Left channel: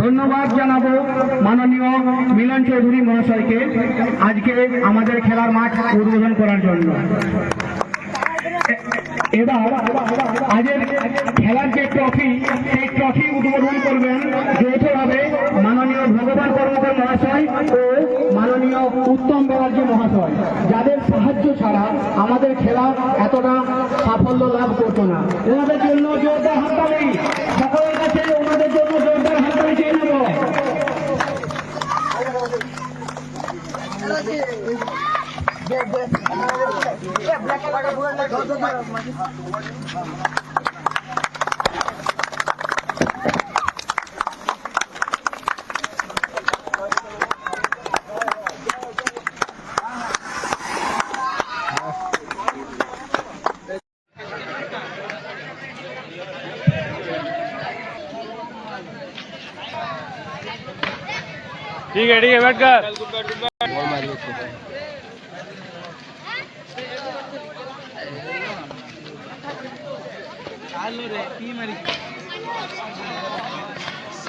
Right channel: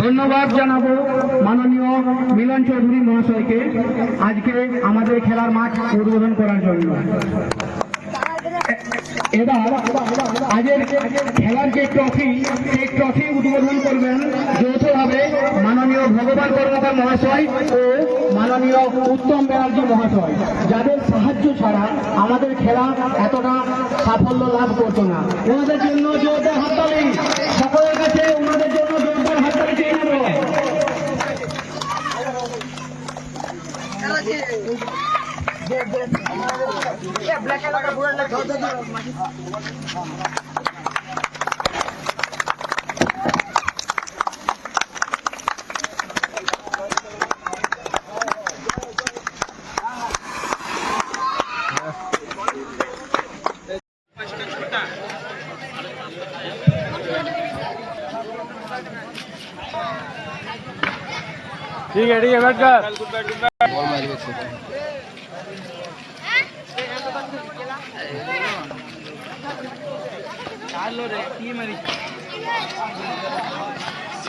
ধন্যবাদ জানাবো মাননীয় মিলন চৌধুরী মহাশয়কে আজকে আমাদের খেলার মাঠ উদ্বোধন করার জন্য। এবার আজের খেলার যে ট্রফি, সেই ট্রফি উদ্বোধন করবেন যৌথভাবে মাননীয় ভগবান কর্মকর মহাশয় ও মাননীয় উত্তম ব্যানার্জি মহাশয়, যাদের সাহায্য ছাড়া আমাদের খেলা এতটা সাফল্য লাভ করতো না। ওনাদের জন্য জোরদার হাততালি, সকলের কাছে ওনাদের জন্য জোরদার হাততালি চেয়ে নেব। ठीक है बैठ कर रे